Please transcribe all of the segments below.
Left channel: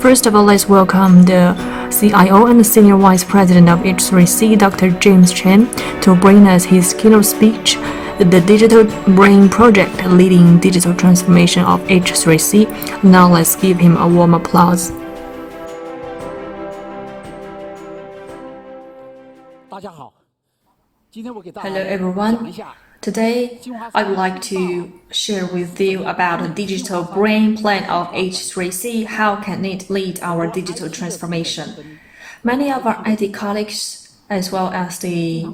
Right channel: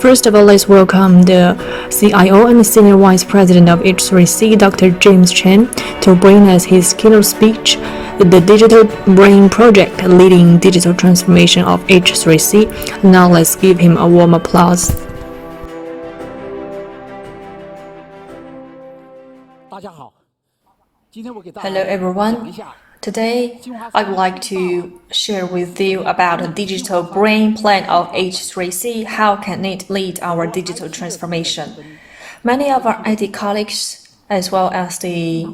First of all, let's welcome the CIO and Senior Vice President of H3C, Dr. James Chen, to bring us his keynote speech, The Digital Brain Project, Leading Digital Transformation of H3C. Now let's give him a warm applause. Hello everyone. Today, I would like to share with you about the digital brain plan of H3C. How can it lead our digital transformation? Many of our IT colleagues, as well as the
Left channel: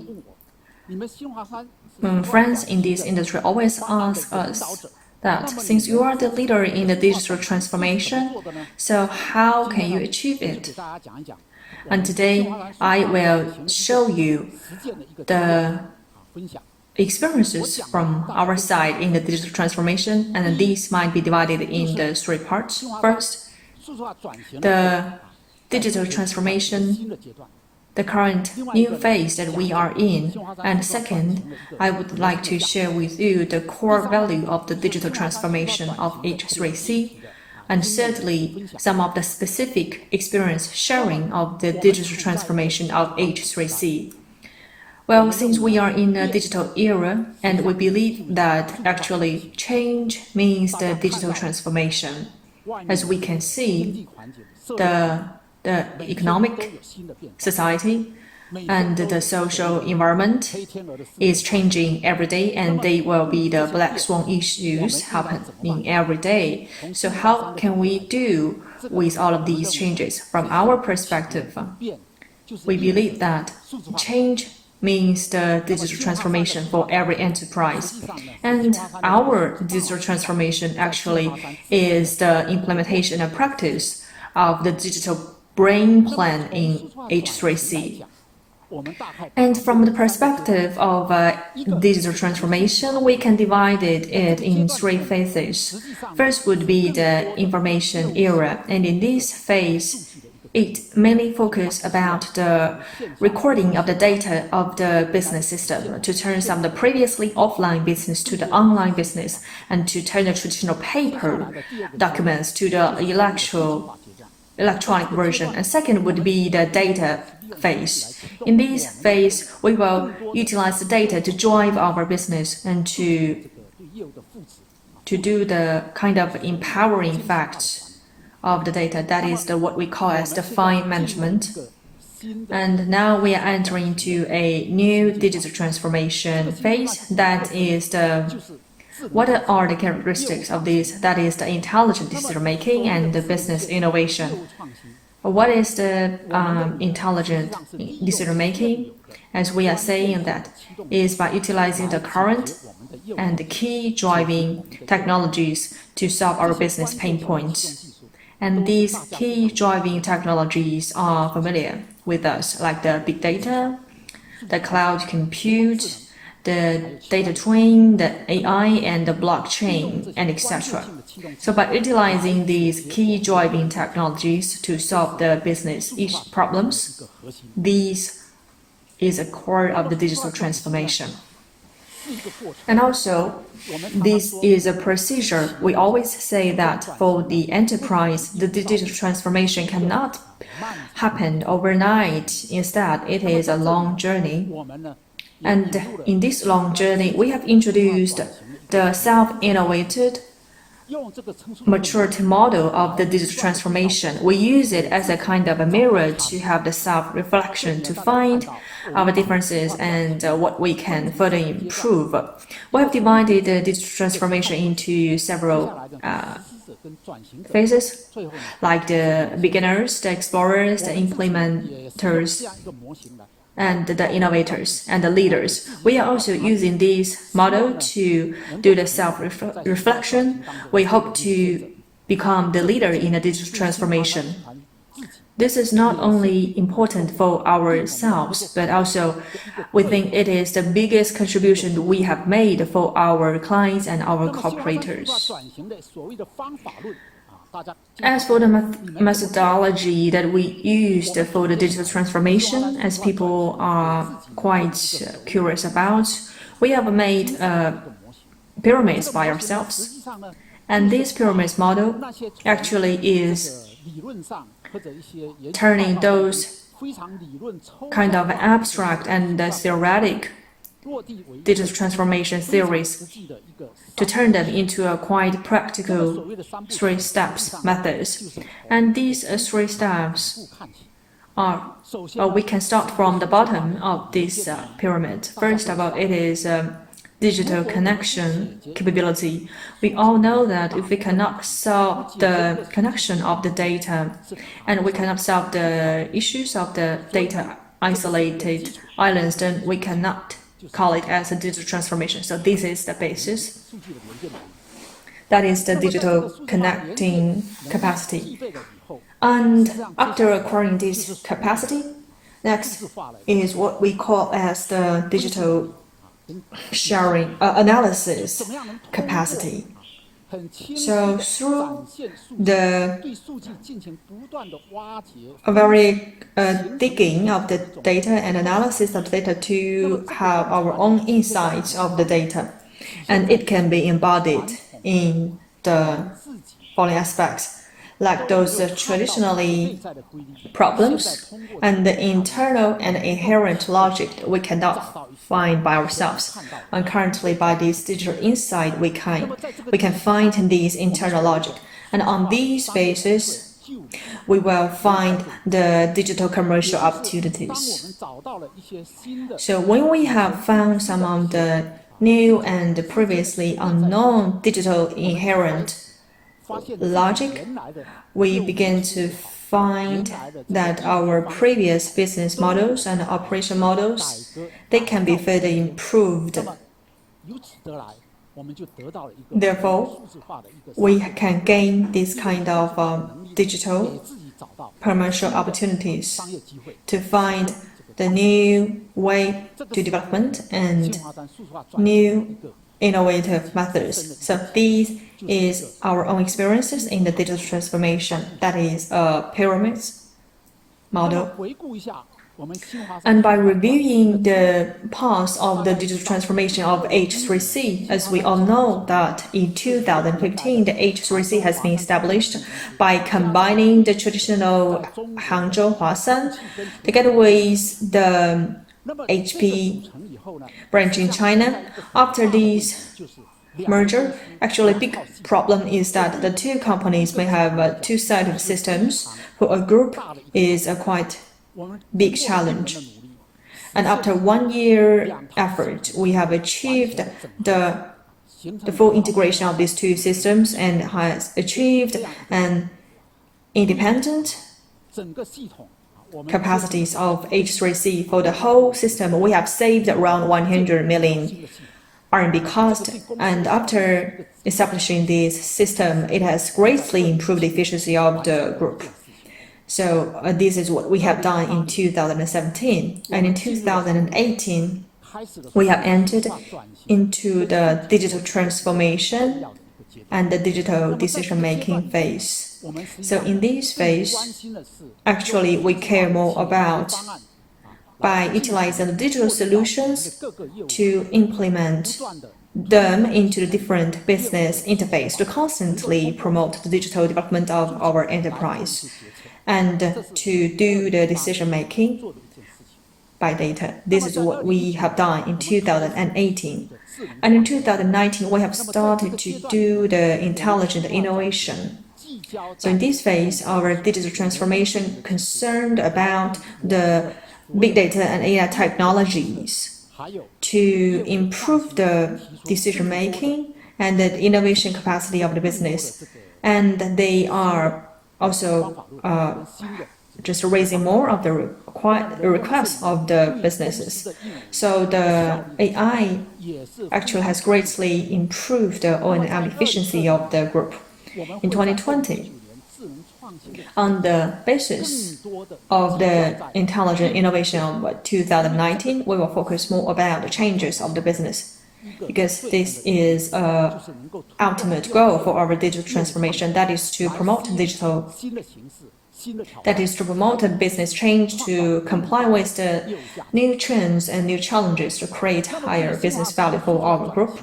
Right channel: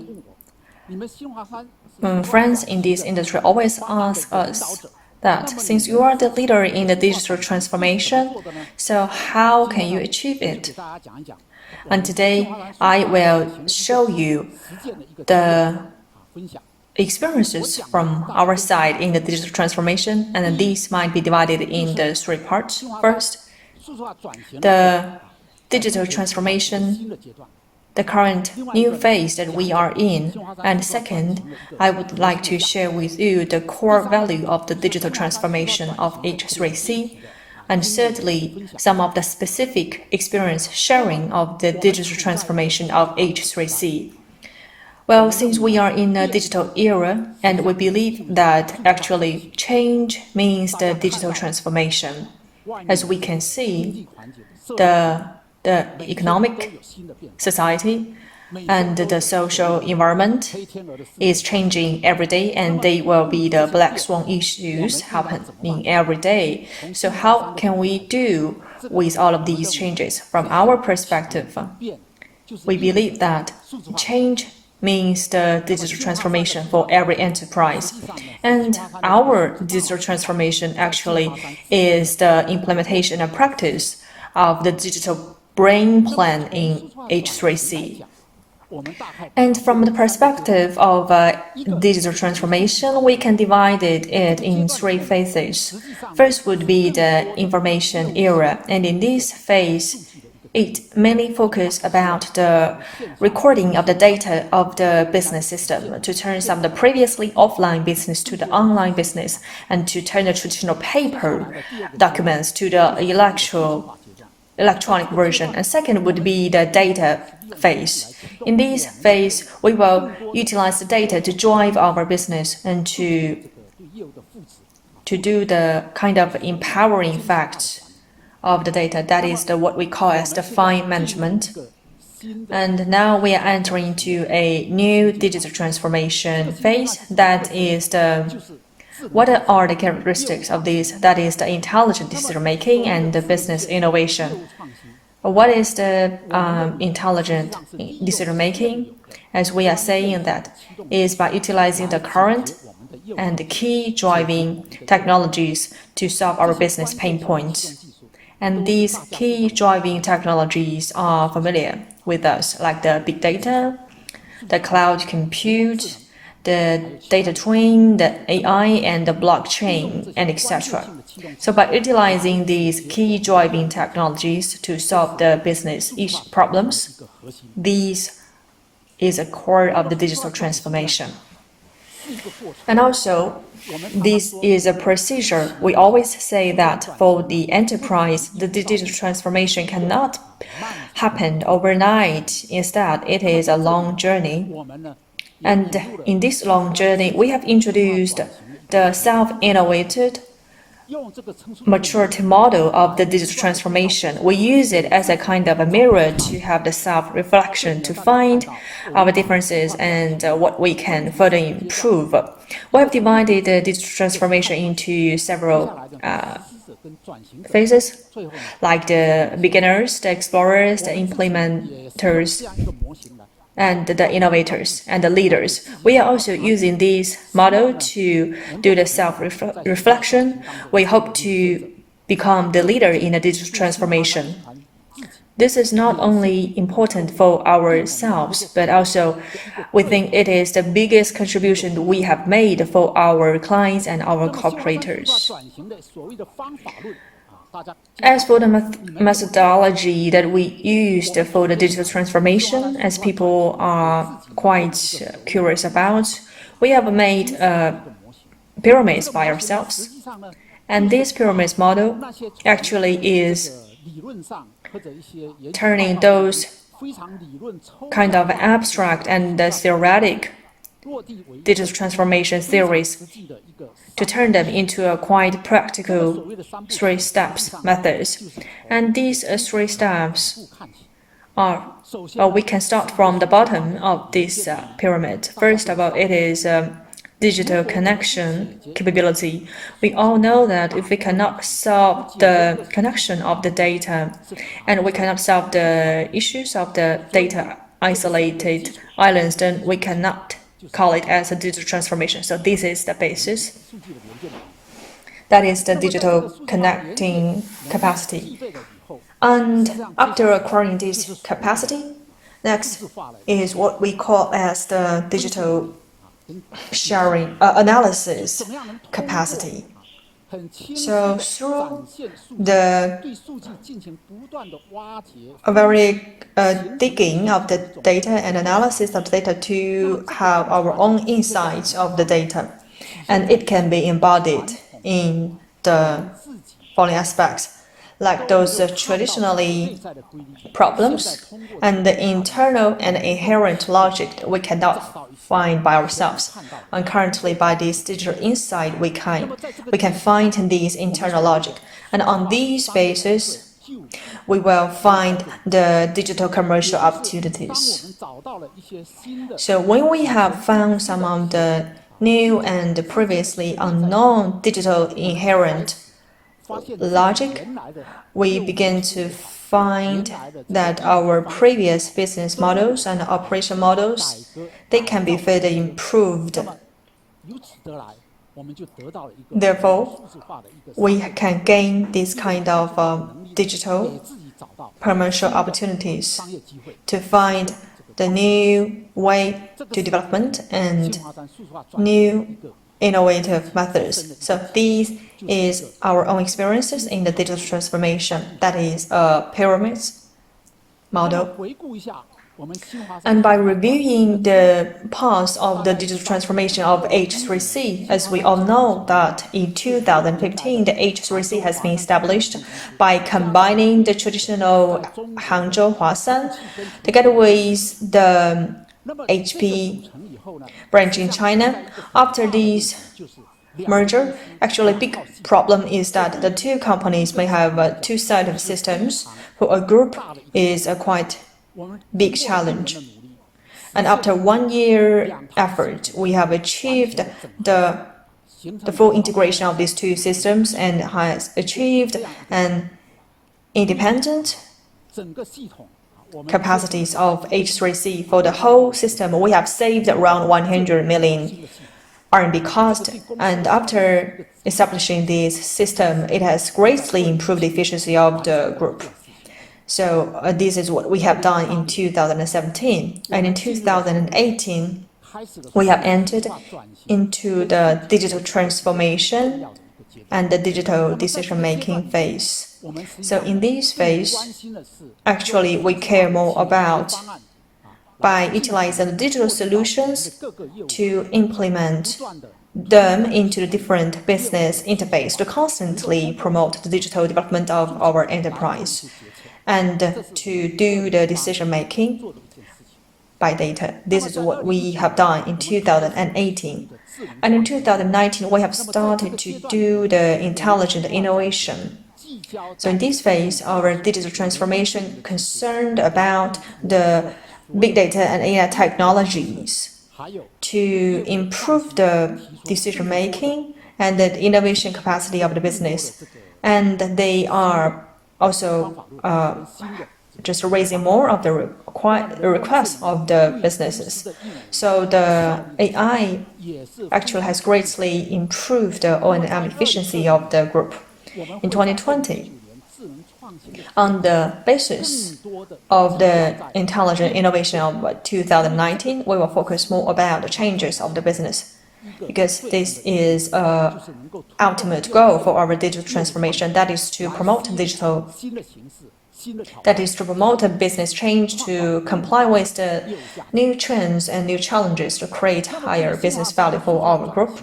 friends in this industry, always ask us that since you are the leader in the digital transformation, so how can you achieve it? And today, I will show you the experiences from our side in the digital transformation, and these might be divided in the three parts. First, the digital transformation, the current new phase that we are in. And second, I would like to share with you the core value of the digital transformation of H3C. And thirdly, some of the specific experience sharing of the digital transformation of H3C. Well, since we are in a digital era, and we believe that actually change means the digital transformation. As we can see, the economic society and the social environment is changing every day, and they will be the black swan issues happening every day. So how can we do with all of these changes? From our perspective, we believe that change means the digital transformation for every enterprise. And our digital transformation actually is the implementation and practice of the digital brain plan in H3C. And from the perspective of digital transformation, we can divide it in three phases. First would be the information era, and in this phase, it mainly focuses about the recording of the data of the business system to turn some of the previously offline business to the online business, and to turn the traditional paper documents to the electronic version. And second would be the data phase. In this phase, we will utilize the data to drive our business and to do the kind of empowering facts of the data. That is what we call as the fine management. And now we are entering into a new digital transformation phase. That is what are the characteristics of this? That is the intelligent decision making and the business innovation. What is the intelligent decision making? As we are saying, that is by utilizing the current and the key driving technologies to solve our business pain points. And these key driving technologies are familiar with us, like the big data, the cloud compute, the data twin, the AI, and the blockchain, and etc. So by utilizing these key driving technologies to solve the business problems, these is a core of the digital transformation. And also, this is a procedure. We always say that for the enterprise, the digital transformation cannot happen overnight. Instead, it is a long journey. And in this long journey, we have introduced the self-innovated maturity model of the digital transformation. We use it as a kind of a mirror to have the self-reflection, to find our differences and what we can further improve. We have divided the digital transformation into several phases, like the beginners, the explorers, the implementers, and the innovators and the leaders. We are also using this model to do the self-reflection. We hope to become the leader in the digital transformation. This is not only important for ourselves, but also we think it is the biggest contribution we have made for our clients and our cooperators. As for the methodology that we used for the digital transformation, as people are quite curious about, we have made pyramids by ourselves. And this pyramid model actually is turning those kind of abstract and theoretic digital transformation theories to turn them into a quite practical three steps methods. And these three steps are, we can start from the bottom of this pyramid. First of all, it is digital connection capability. We all know that if we cannot solve the connection of the data and we cannot solve the issues of the data isolated islands, then we cannot call it as a digital transformation. So this is the basis. That is the digital connecting capacity. And after acquiring this capacity, next is what we call as the digital sharing analysis capacity. So through the very digging of the data and analysis of the data to have our own insights of the data, and it can be embodied in the following aspects, like those traditionally problems and the internal and inherent logic that we cannot find by ourselves. And currently, by this digital insight, we can find these internal logic. And on these basis, we will find the digital commercial opportunities. So when we have found some of the new and previously unknown digital inherent logic, we begin to find that our previous business models and operation models, they can be further improved. Therefore, we can gain this kind of digital commercial opportunities to find the new way to development and new innovative methods. So these is our own experiences in the digital transformation. That is a pyramid model. And by reviewing the path of the digital transformation of H3C, as we all know that in 2015, the H3C has been established by combining the traditional Hangzhou Huasan together with the HP branch in China. After this merger, actually a big problem is that the two companies may have two sets of systems. For a group is a quite big challenge. And after 1 year effort, we have achieved the full integration of these two systems and has achieved an independent capacities of H3C. For the whole system, we have saved around 100 million RMB cost, and after establishing this system, it has greatly improved the efficiency of the group. So this is what we have done in 2017, and in 2018, we have entered into the digital transformation and the digital decision-making phase. So in this phase, actually, we care more about by utilizing the digital solutions to implement them into the different business interface to constantly promote the digital development of our enterprise and to do the decision-making by data. This is what we have done in 2018. And in 2019, we have started to do the intelligent innovation. So in this phase, our digital transformation concerned about the big data and AI technologies to improve the decision-making and the innovation capacity of the business. And they are also just raising more of the requests of the businesses. So the AI actually has greatly improved the O&M efficiency of the group. In 2020, on the basis of the intelligent innovation of 2019, we will focus more about the changes of the business, because this is an ultimate goal for our digital transformation. That is to promote digital. That is to promote a business change to comply with the new trends and new challenges to create higher business value for our group.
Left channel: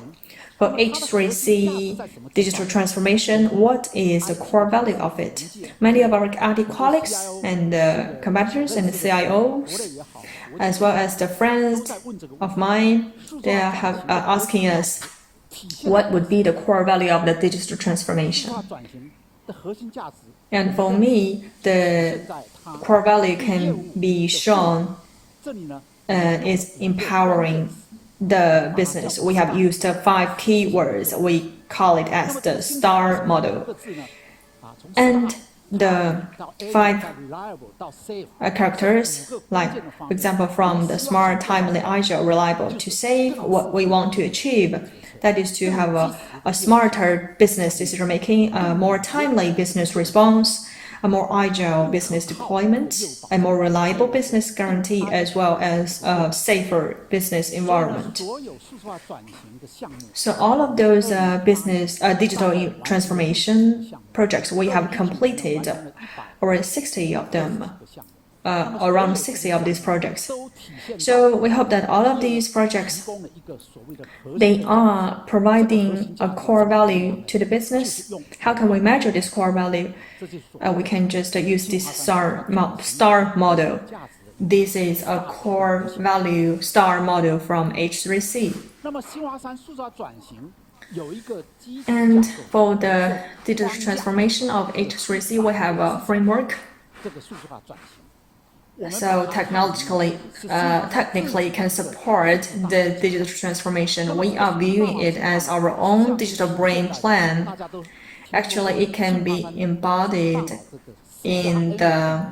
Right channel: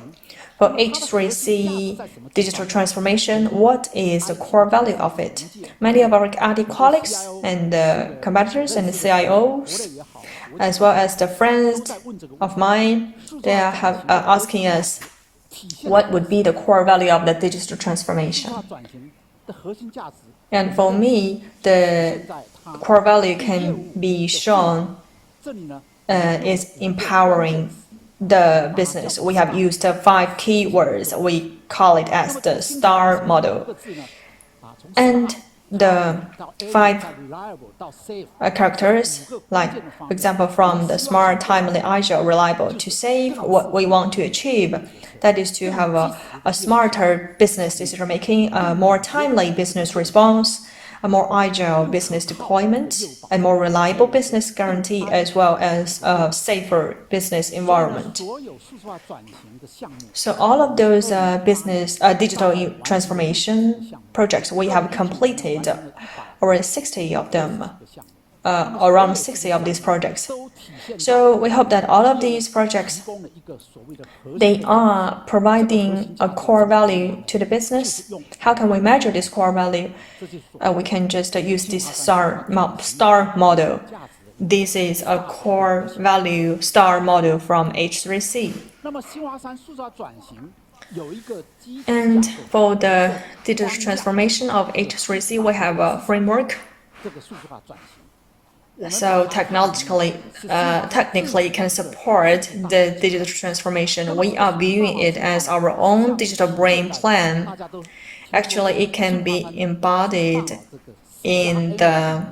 For H3C digital transformation, what is the core value of it? Many of our IT colleagues and competitors and CIOs, as well as the friends of mine, they are asking us what would be the core value of the digital transformation. And for me, the core value can be shown is empowering the business. We have used 5 keywords. We call it as the STAR model. And the 5 characters, like, for example, from the smart, timely, agile, reliable, to safe, what we want to achieve, that is to have a smarter business decision making, a more timely business response, a more agile business deployment, a more reliable business guarantee, as well as a safer business environment. So all of those digital transformation projects, we have completed around 60 of them, around 60 of these projects. So we hope that all of these projects, they are providing a core value to the business. How can we measure this core value? We can just use this STAR model. This is a core value STAR model from H3C. And for the digital transformation of H3C, we have a framework. So technically can support the digital transformation. We are viewing it as our own digital brain plan. Actually, it can be embodied in the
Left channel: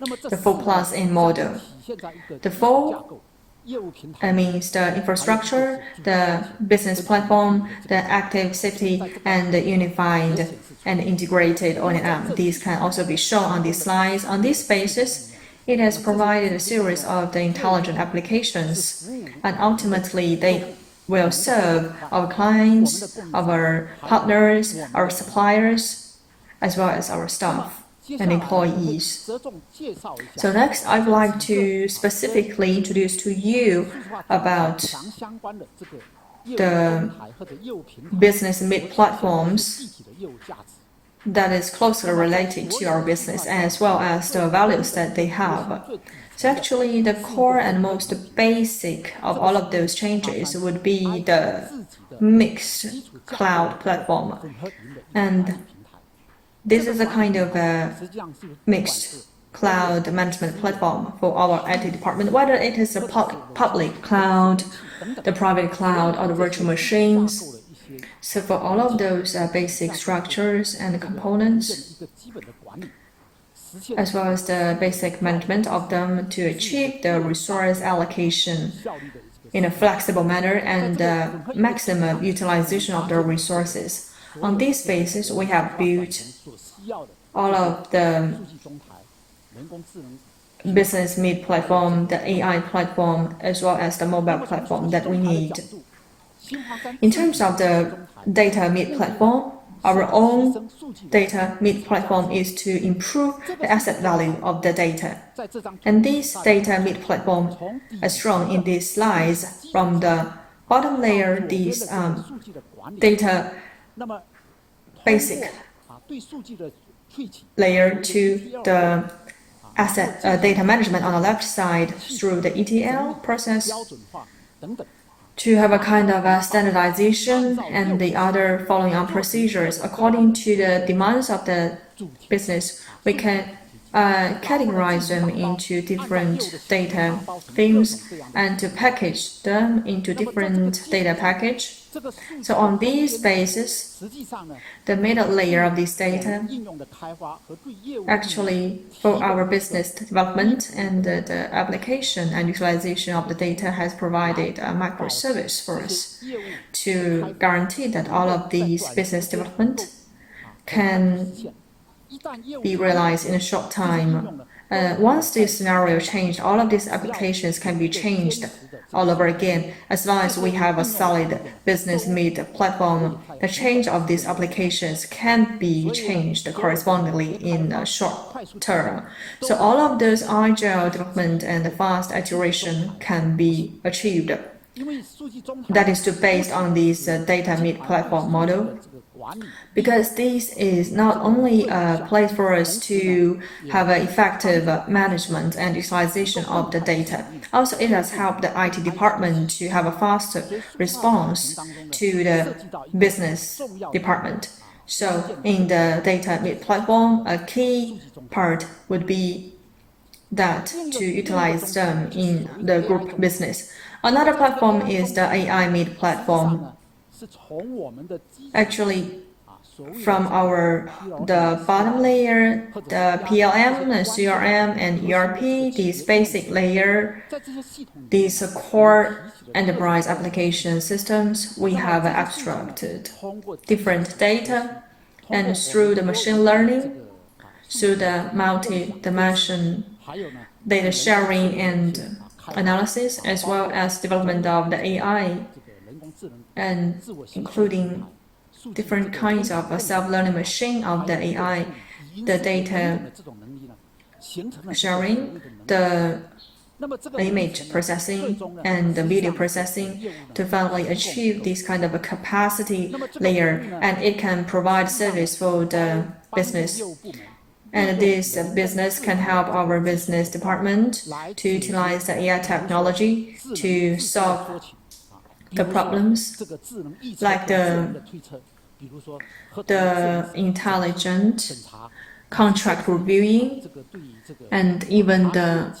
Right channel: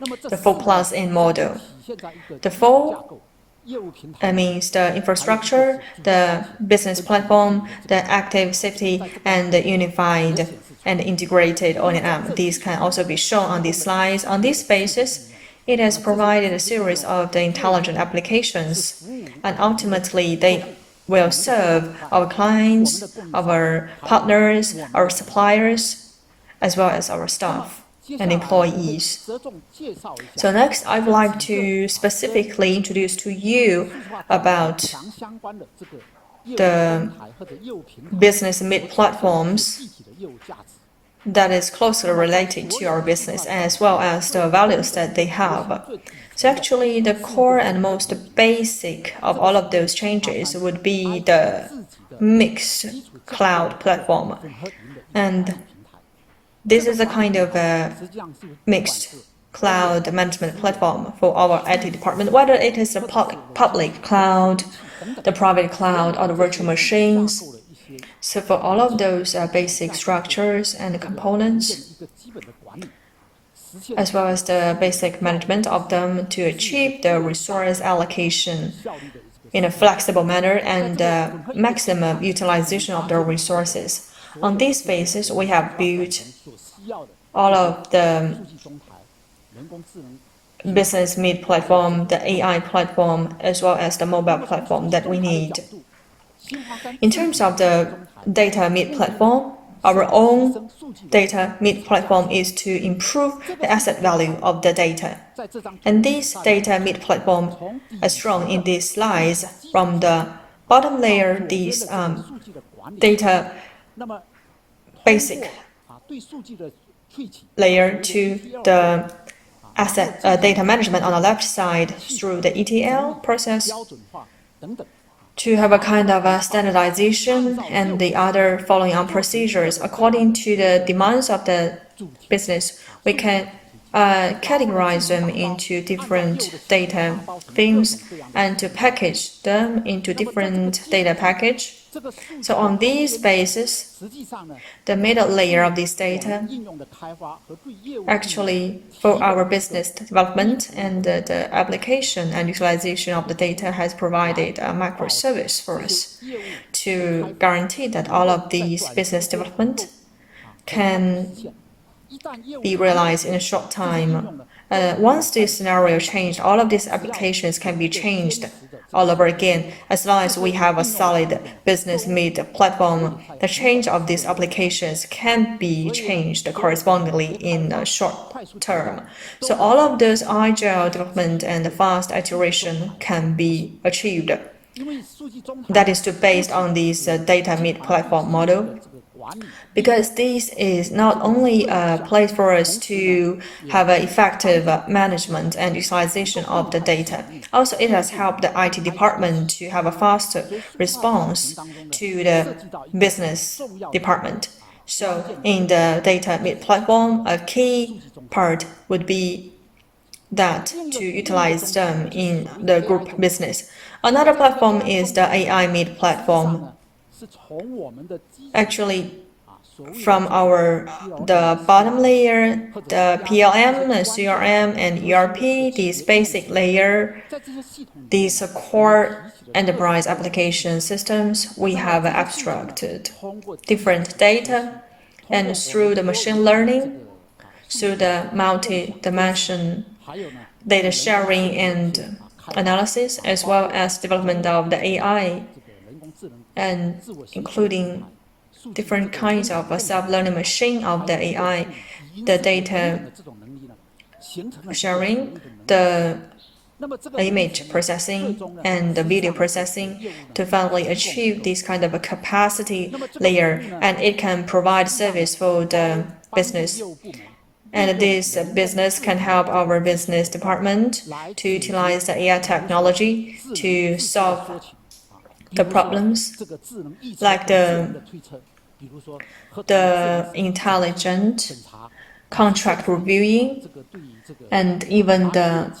4+N model. The 4 means the infrastructure, the business platform, the active safety, and the unified and integrated O&M. These can also be shown on these slides. On this basis, it has provided a series of the intelligent applications, and ultimately they will serve our clients, our partners, our suppliers, as well as our staff and employees. So next, I would like to specifically introduce to you about the business mid-platforms that is closely related to our business, as well as the values that they have. So actually, the core and most basic of all of those changes would be the mixed cloud platform. And this is a kind of a mixed cloud management platform for our IT department, whether it is the public cloud, the private cloud, or the virtual machines. So for all of those basic structures and components, as well as the basic management of them to achieve the resource allocation in a flexible manner and maximum utilization of the resources. On this basis, we have built all of the business mid platform, the AI platform, as well as the mobile platform that we need. In terms of the data mid platform, our own data mid platform is to improve the asset value of the data. And this data mid platform, as shown in these slides, from the bottom layer, these data basic layer to the asset data management on the left side through the ETL process, to have a kind of a standardization and the other following on procedures according to the demands of the business. We can categorize them into different data themes and to package them into different data package. So on this basis, the middle layer of this data, actually for our business development and the application and utilization of the data, has provided a microservice for us to guarantee that all of these business development can be realized in a short time. Once this scenario changed, all of these applications can be changed all over again. As long as we have a solid business mid platform, the change of these applications can be changed correspondingly in a short term. So all of those agile development and fast iteration can be achieved. That is based on this data mid-platform model, because this is not only a place for us to have an effective management and utilization of the data, also it has helped the IT department to have a faster response to the business department. So in the data mid-platform, a key part would be that to utilize them in the group business. Another platform is the AI mid-platform. Actually, from the bottom layer, the PLM, the CRM, and ERP, this basic layer, these core enterprise application systems, we have abstracted different data, and through the machine learning, through the multi-dimension data sharing and analysis, as well as development of the AI, and including different kinds of self-learning machine of the AI, the data sharing, the image processing, and the video processing to finally achieve this kind of a capacity layer, and it can provide service for the business. And this business can help our business department to utilize the AI technology to solve the problems, like the intelligent contract reviewing, and even the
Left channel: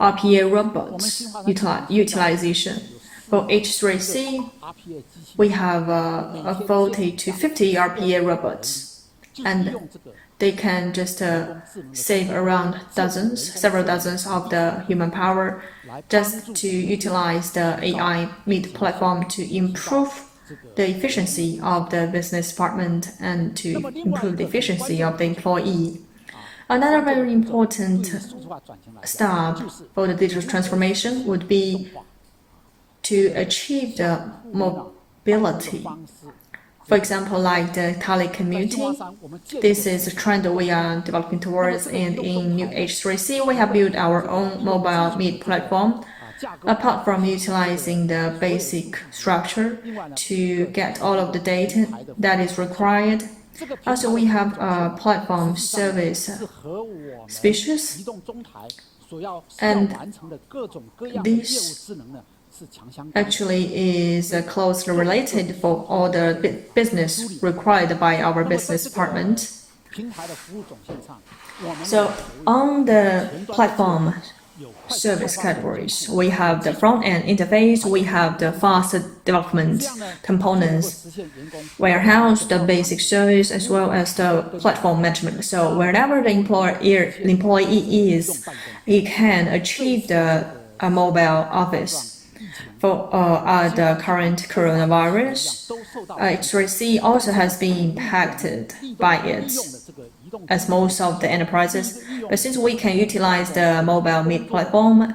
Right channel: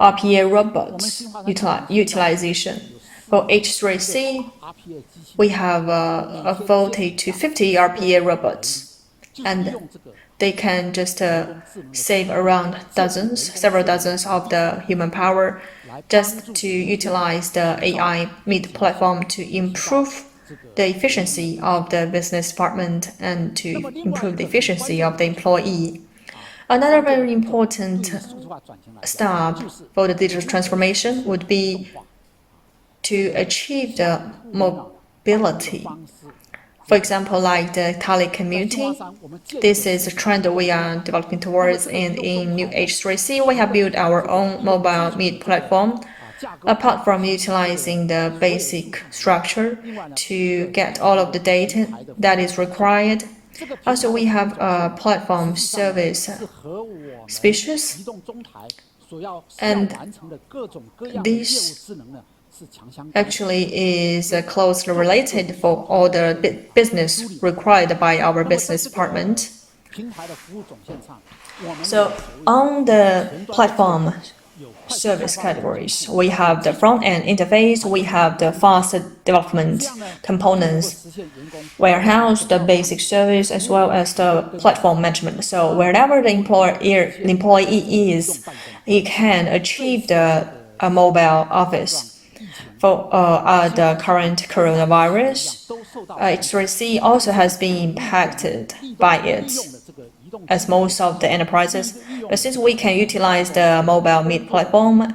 RPA robots utilization. For H3C, we have 40 to 50 RPA robots, and they can just save around several dozens of the human power, just to utilize the AI mid-platform to improve the efficiency of the business department and to improve the efficiency of the employee. Another very important step for the digital transformation would be to achieve the mobility. For example, like the telecommuting, this is a trend we are developing towards, and in new H3C, we have built our own mobile mid-platform. Apart from utilizing the basic structure to get all of the data that is required, also we have a platform service species, and this actually is closely related for all the business required by our business department. So on the platform service categories, we have the front-end interface, we have the fast development components, warehouse, the basic service, as well as the platform management. So wherever the employee is, he can achieve the mobile office. For the current coronavirus, H3C also has been impacted by it, as most of the enterprises. But since we can utilize the mobile mid-platform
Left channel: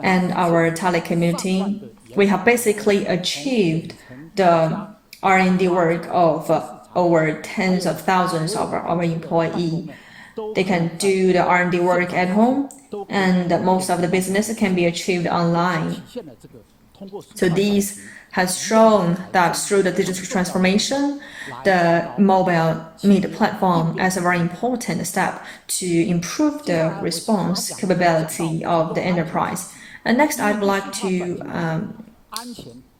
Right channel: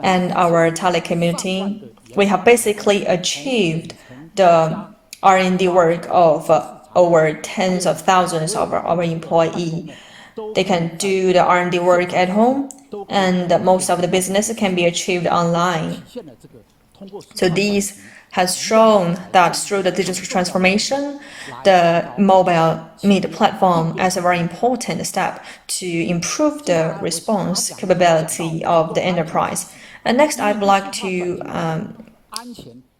and our telecommuting, we have basically achieved the R&D work of over tens of thousands of our employees. They can do the R&D work at home, and most of the business can be achieved online. So these has shown that through the digital transformation, the mobile mid-platform as a very important step to improve the response capability of the enterprise. And next, I'd like to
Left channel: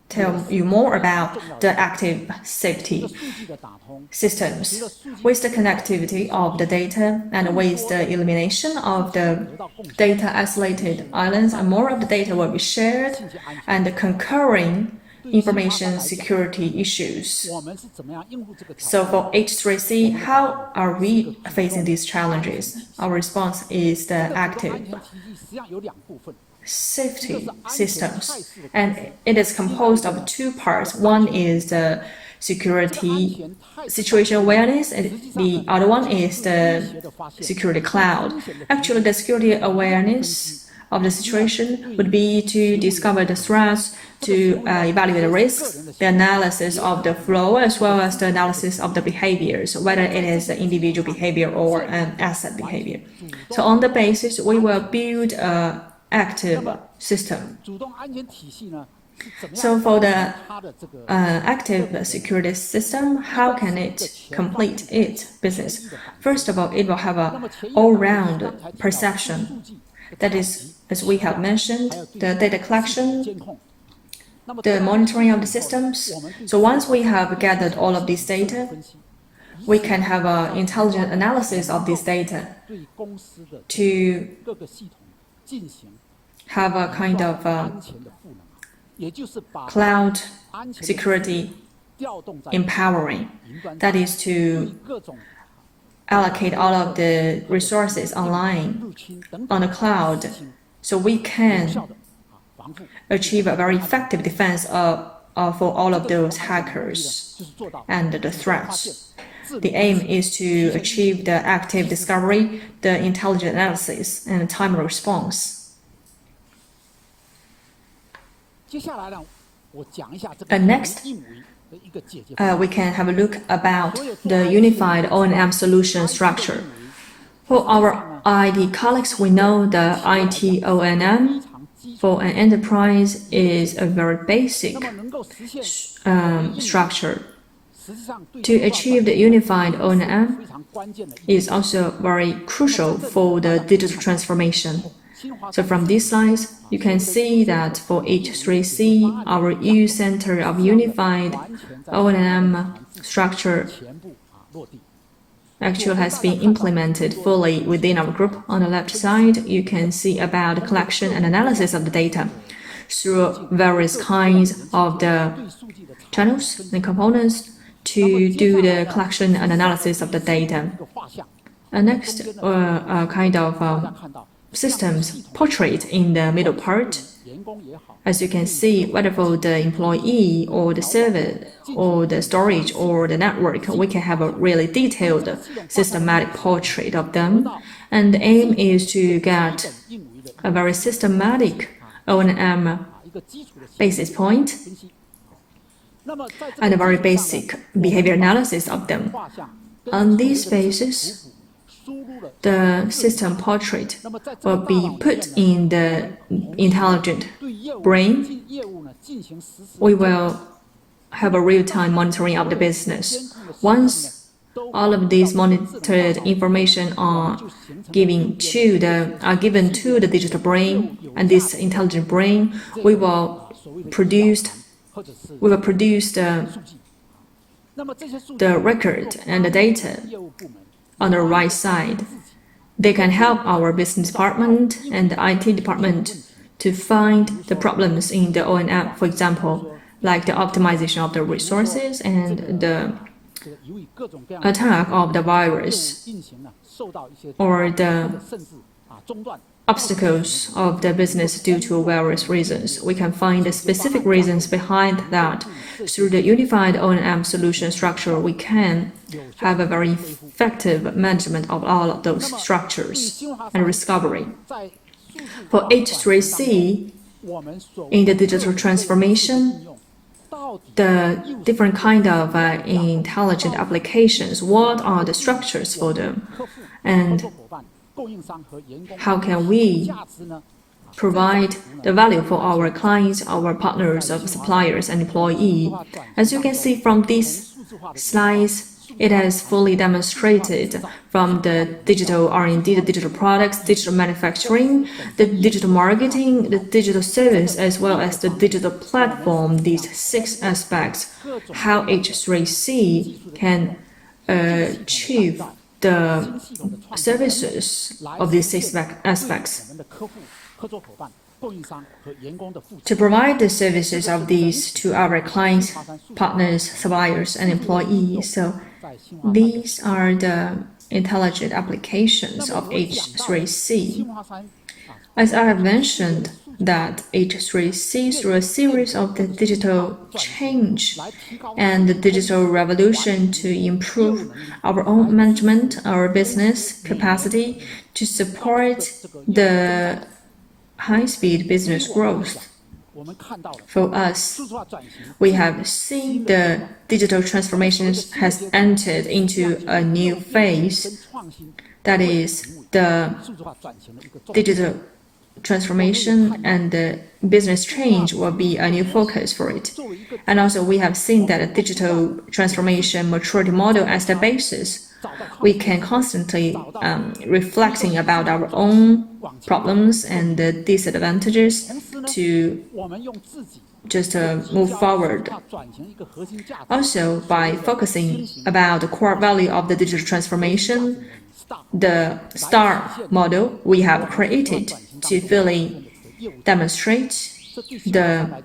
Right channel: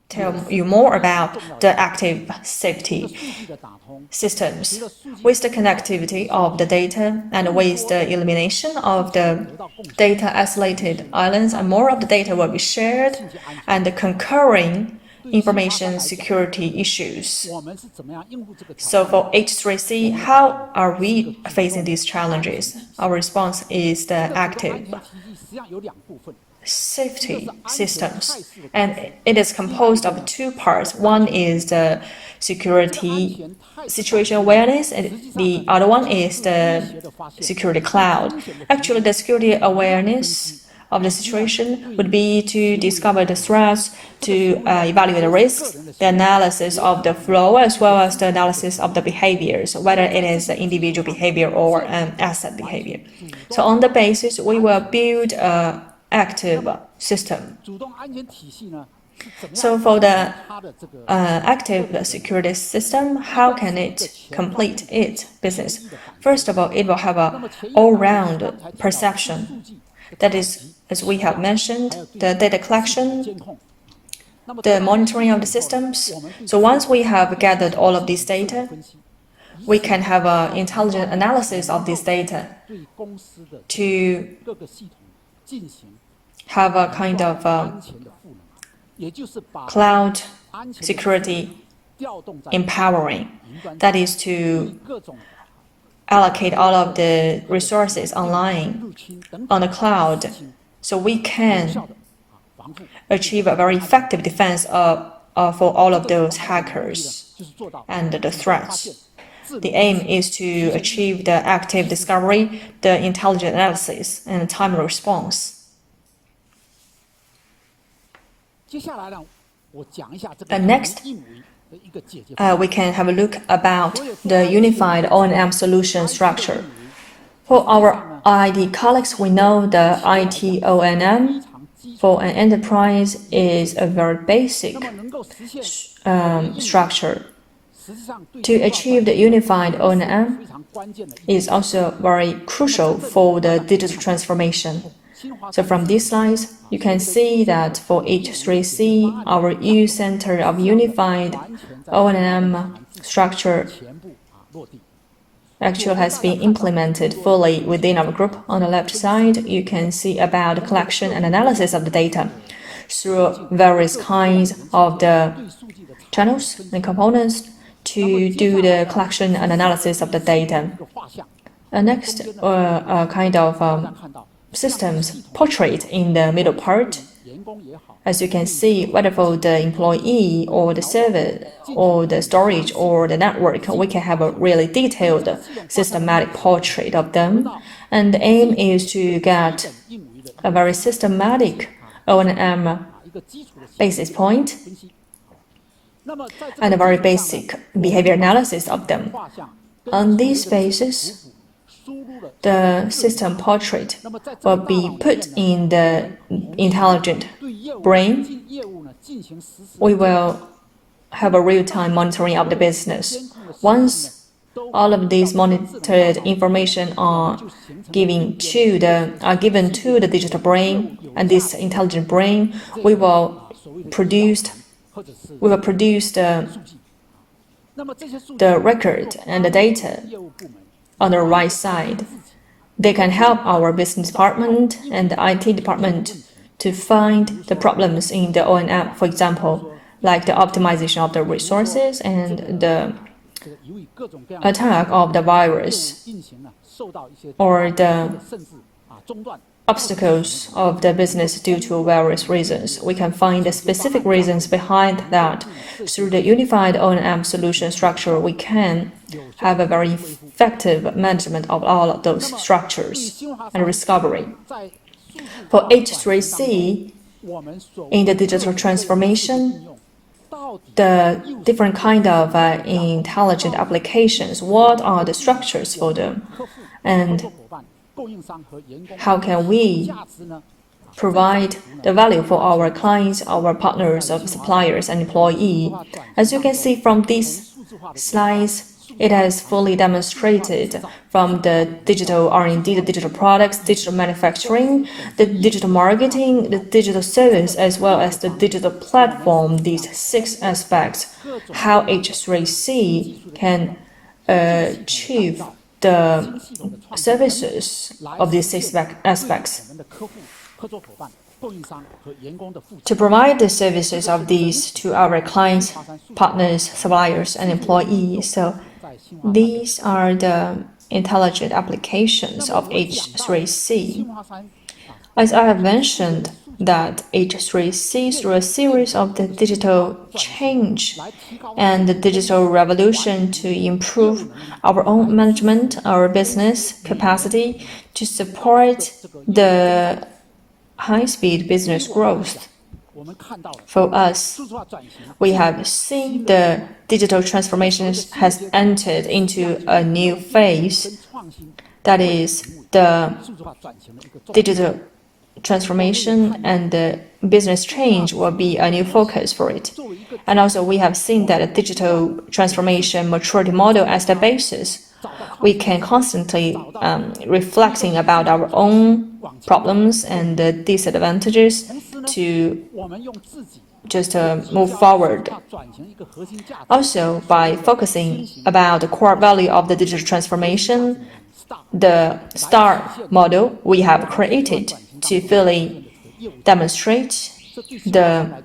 tell you more about the active safety systems. With the connectivity of the data and with the elimination of the data isolated islands, and more of the data will be shared, and the concurring information security issues. So for H3C, how are we facing these challenges? Our response is the active safety systems, and it is composed of two parts. One is the security situation awareness, and the other one is the security cloud. Actually, the security awareness of the situation would be to discover the threats, to evaluate the risks, the analysis of the flow, as well as the analysis of the behaviors, whether it is the individual behavior or an asset behavior. So on the basis, we will build active system. So for the active security system, how can it complete its business? First of all, it will have a all-round perception. That is, as we have mentioned, the data collection, the monitoring of the systems. So once we have gathered all of this data, we can have an intelligent analysis of this data to have a kind of cloud security empowering. That is to allocate all of the resources online on the cloud, so we can achieve a very effective defense for all of those hackers and the threats. The aim is to achieve the active discovery, the intelligent analysis, and timely response. And next, we can have a look about the unified O&M solution structure. For our IT colleagues, we know the IT O&M for an enterprise is a very basic structure. To achieve the unified O&M is also very crucial for the digital transformation. So from these slides, you can see that for H3C, our EU Center of Unified O&M structure actually has been implemented fully within our group. On the left side, you can see about the collection and analysis of the data through various kinds of the channels and components to do the collection and analysis of the data. And next, kind of systems portrait in the middle part. As you can see, whether for the employee or the server or the storage or the network, we can have a really detailed systematic portrait of them. And the aim is to get a very systematic O&M basis point and a very basic behavior analysis of them. On this basis, the system portrait will be put in the intelligent brain. We will have a real-time monitoring of the business. Once all of these monitored information are given to the digital brain, and this intelligent brain, we will produce the record and the data on the right side. They can help our business department and the IT department to find the problems in the O&M, for example, like the optimization of the resources and the attack of the virus or the obstacles of the business due to various reasons. We can find the specific reasons behind that. Through the unified O&M solution structure, we can have a very effective management of all of those structures and discovery. For H3C, in the digital transformation, the different kind of intelligent applications, what are the structures for them? And how can we provide the value for our clients, our partners, our suppliers, and employees? As you can see from these slides, it has fully demonstrated from the digital R&D, the digital products, digital manufacturing, the digital marketing, the digital service, as well as the digital platform, these 6 aspects, how H3C can achieve the services of these 6 aspects. To provide the services of these to our clients, partners, suppliers, and employees. So these are the intelligent applications of H3C. As I have mentioned, that H3C, through a series of the digital change and the digital revolution to improve our own management, our business capacity to support the high-speed business growth. For us, we have seen the digital transformation has entered into a new phase. That is the digital transformation and the business change will be a new focus for it. And also, we have seen that a digital transformation maturity model as the basis. We can constantly reflecting about our own problems and the disadvantages to just move forward. Also, by focusing about the core value of the digital transformation, the STAR model we have created to fully demonstrate the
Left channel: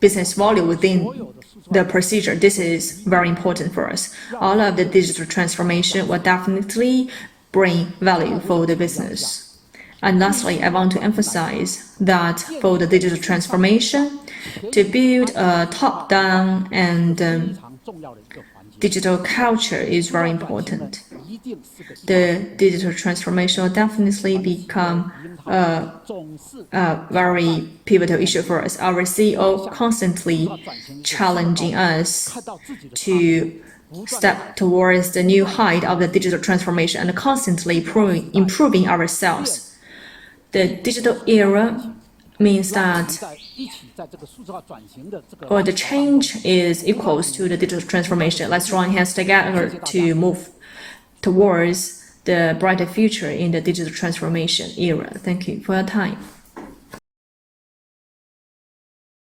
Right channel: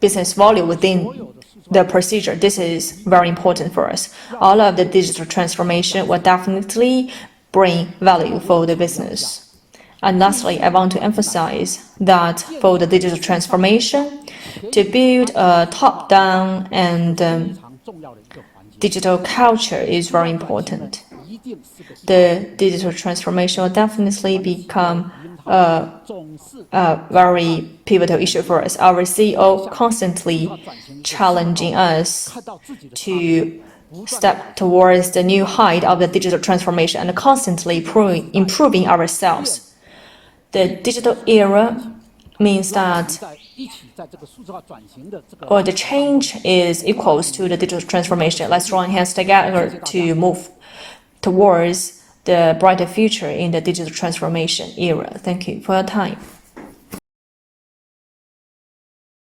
business value within the procedure. This is very important for us. All of the digital transformation will definitely bring value for the business. And lastly, I want to emphasize that for the digital transformation, to build a top-down and digital culture is very important. The digital transformation will definitely become a very pivotal issue for us. Our CEO constantly challenging us to step towards the new height of the digital transformation and constantly improving ourselves. The digital era means that the change is equals to the digital transformation. Let's join hands together to move towards the brighter future in the digital transformation era. Thank you for your time.